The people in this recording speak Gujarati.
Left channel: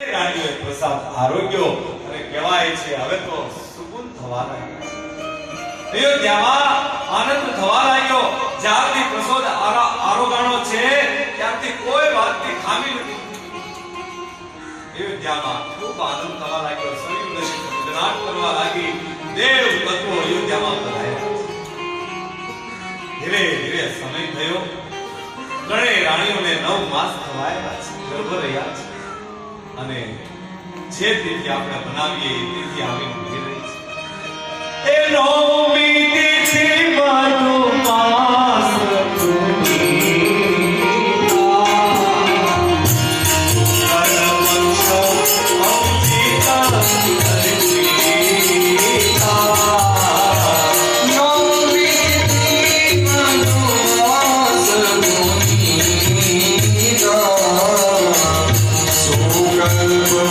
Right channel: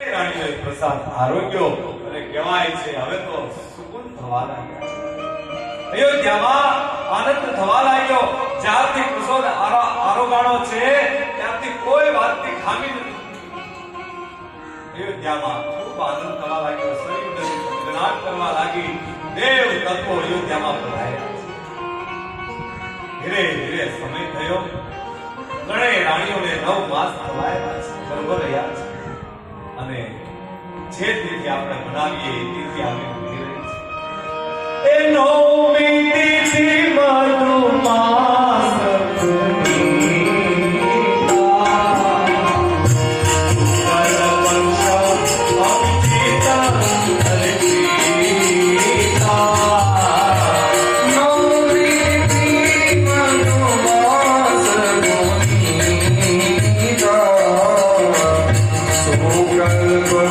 રાણીઓએ પ્રસાદ આરોગ્યો અને કહેવાય છે હવે તો સુકૂન થવા લાગ્યા. અયોધ્યામાં આનંદ થવા લાગ્યો. જ્યારથી પ્રસાદ આરોગાણો છે ત્યારથી કોઈ વાતની ખામી નથી. અયોધ્યામાં ખૂબ આનંદ થવા લાગ્યો. સરયુ નદી ધનાટ કરવા લાગી. દેવ તત્વો અયોધ્યામાં પધાર્યા. ધીરે ધીરે સમય થયો. ત્રણેય રાણીઓને 9 માસ થવાયા છે, ગર્ભ રહ્યા છે. અને જે તિથિ આપણે બનાવીએ એ તિથિ આવી ઉભી રહી છે. એ નવમી તિથિ મધુમાસ Thank you.